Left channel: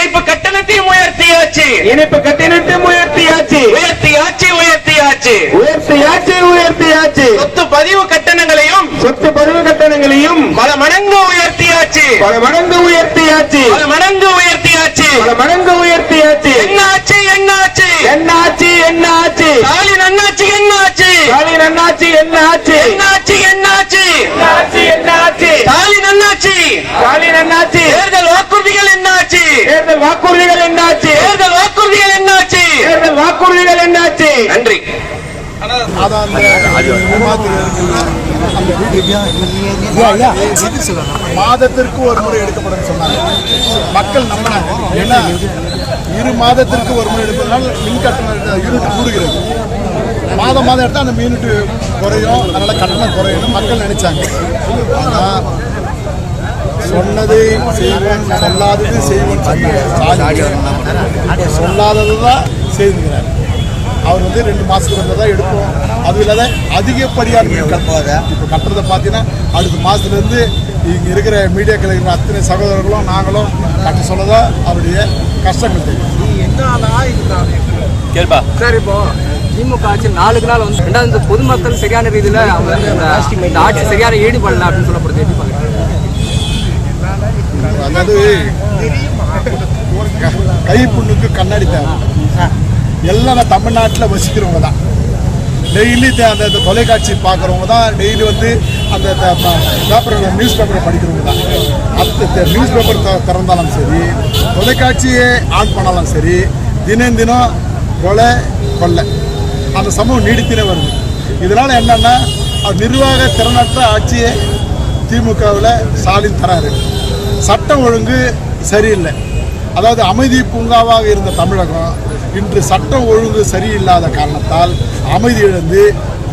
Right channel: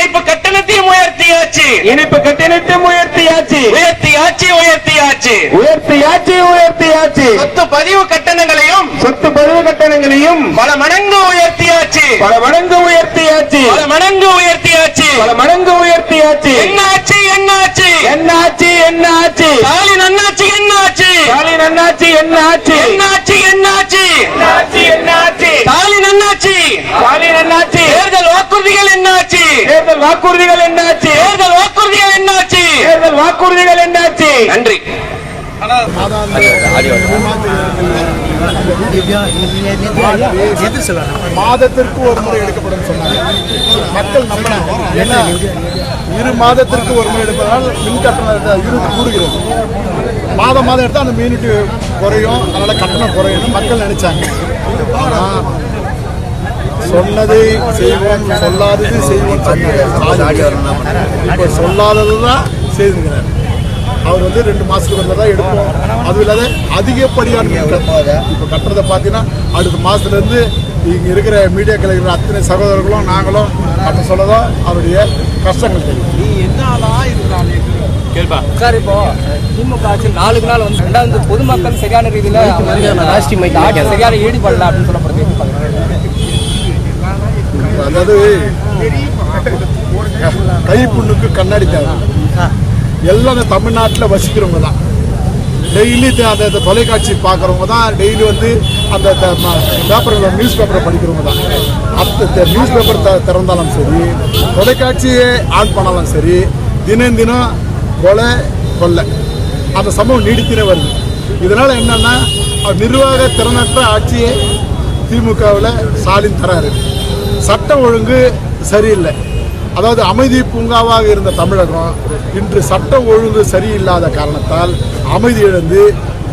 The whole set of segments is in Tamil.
இணைப்பு கட்டணத்தையும் உயர்த்தியாச்சு. இணைப்பு கட்டணத்தை உயர்த்தியாச்சு. உயர்த்தியாச்சு உயர்த்தியாச்சு. உயர்த்தியாச்சு உயர்த்தியாச்சு. சொத்து பதிவு கட்டணங்களையும் சொத்து பதிவு கட்டணங்களையும் பல மடங்கு உயர்த்தியாச்சு. பல மடங்கு உயர்த்தியாச்சு. பல மடங்கு உயர்த்தியாச்சு. பல மடங்கு உயர்த்தியாச்சு. என்னாச்சு என்னாச்சு? என்னாச்சு என்னாச்சு. ஸ்டாலின் அண்ணாச்சி என்னாச்சு? ஸ்டாலின் அண்ணாச்சி என்னாச்சு. என்னாச்சு என்னாச்சு? என்னாச்சு என்னாச்சு. ஸ்டாலின் அண்ணாச்சி ஸ்டாலின் என்னாச்சு தேர்தல் வாக்குறுதிகள் என்னாச்சு தேர்தல் வாக்குறுதிகள் என்னாச்சு தேர்தல் வாக்குறுதிகள் என்னாச்சு தேர்தல் வாக்குறுதிகள் என்னாச்சு? நன்றி. மாதத்திற்கு ஒரு முறை எடுக்கப்படும் சொன்னாங்க. மக்கள் நம்பினாங்க. ஏன்னா இரு மாதத்திற்கு ஒரு முறை எடுப்பதனால் மின் கட்டணம் யூனிட் கூடுகிறது. மாதம் மாதம் எடுத்தால் அந்த யூனிட் குறையும். அதனால கட்டணம் குறையும் மக்கள் நினைச்சாங்க. ஆனால் சொன்னதை செய்வோம் சொல்லாதது செய்வோம் சொன்னாங்க. சொல்லாதது தான் செய்திருக்கிறார். அவர் வந்து ரெண்டு மாசத்துக்கு ஒரு தான் எடுப்போம். அதுவும் இல்லாத அதிகப்படியான மின் கட்டணம் இப்போ கட்டுறதை பார்த்தீங்கன்னா அடுத்த மாசத்துல இருந்து இங்க இருக்கிற மீடியாக்கள் இருக்கிற அத்தனை சகோதரர்களும் நாங்களும் கட்ட சொல்லதான் அவருடைய கஷ்டங்கள் தெரியும். சார் இப்போ திமுக ஆட்சி நாளுக்கு நாள் வந்து ரெண்டாவது பொதுமக்கள் சரியான ரீதியில வந்து ஆட்சி சரியான ஈடுபடல அப்படின்னு சொல்லப்படுது. எப்படி பாக்குறீங்க அதாவது கைப்புண்ணுக்கு கண்ணாடி தேவை. எல்லாம் தமிழ்நாட்டில் வசிக்கிறவங்க தான். டெய்லி அந்த தொலைக்காட்சி பார்க்குறவங்க தான். டெய்லி வந்து அந்த பேப்பரில் நியூஸ் பேப்பரை படிக்கிறவங்க தான். அந்த நியூஸ் பேப்பர் த திறந்தாலும் சரி தொலைக்காட்சியை ஆன் பண்ணாலும் சரி தினம் தினம் கொலை கொள்ளை. அந்த சம்பவம் நீடித்தினே வருது. இதனால் என்னென்னா நிர்வாக திறனற்ற ஆட்சியை திமுகவில் ஸ்டாலின் தராரு. சட்டம் ஒழுங்கு சரியில்லை. அதாவது அமைதி பூங்காவாக இருந்த தமிழகம் இன்று சட்டம் ஒழுங்கு சரியில்லாத காரணத்தால் அமைதி இழந்து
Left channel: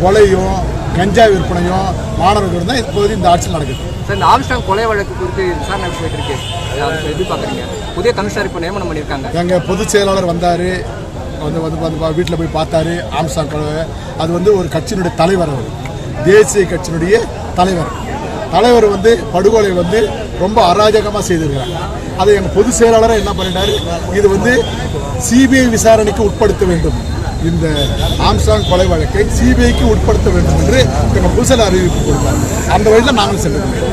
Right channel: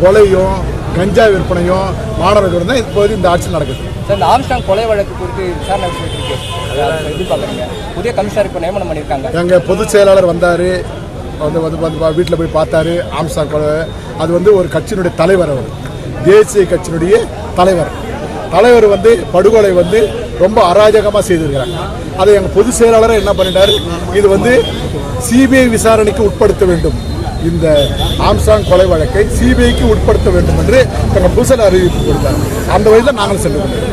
கொலையும் கஞ்சா விற்பனையும் மாணவர்கள் தான் இப்போது இந்த ஆட்சி நடக்குது. சார் இந்த ஆம்ஸ்டாங் கொலை வழக்கு குறித்து விசாரணை போயிட்டு அது எப்படி பாக்குறீங்க புதிய கமிஷனர் இப்போ நியமனம் பண்ணியிருக்காங்க. எங்கள் பொதுச் செயலாளர் வந்தார். வந்து வந்து வந்து வீட்டில் போய் பார்த்தாரு ஆம்சா கொலை. அது வந்து ஒரு கட்சியினுடைய தலைவர் அவர். தேசிய கட்சியினுடைய தலைவர். தலைவர் வந்து படுகொலை வந்து ரொம்ப அராஜகமாக செய்திருக்கிறாங்க அதை எங்கள் பொதுச் செயலாளர் என்ன பண்ணிட்டாரு? இது வந்து சிபிஐ விசாரணைக்கு உட்படுத்த வேண்டும். இந்த ஆம்சாங் கொலை வழக்கை சிபிஐக்கு உட்படுத்த வேண்டும் என்று எங்கள் புதுசல் அறிவிப்பு கொடுத்தார். அந்த வழியில் நாங்கள் செல்ல நன்றி.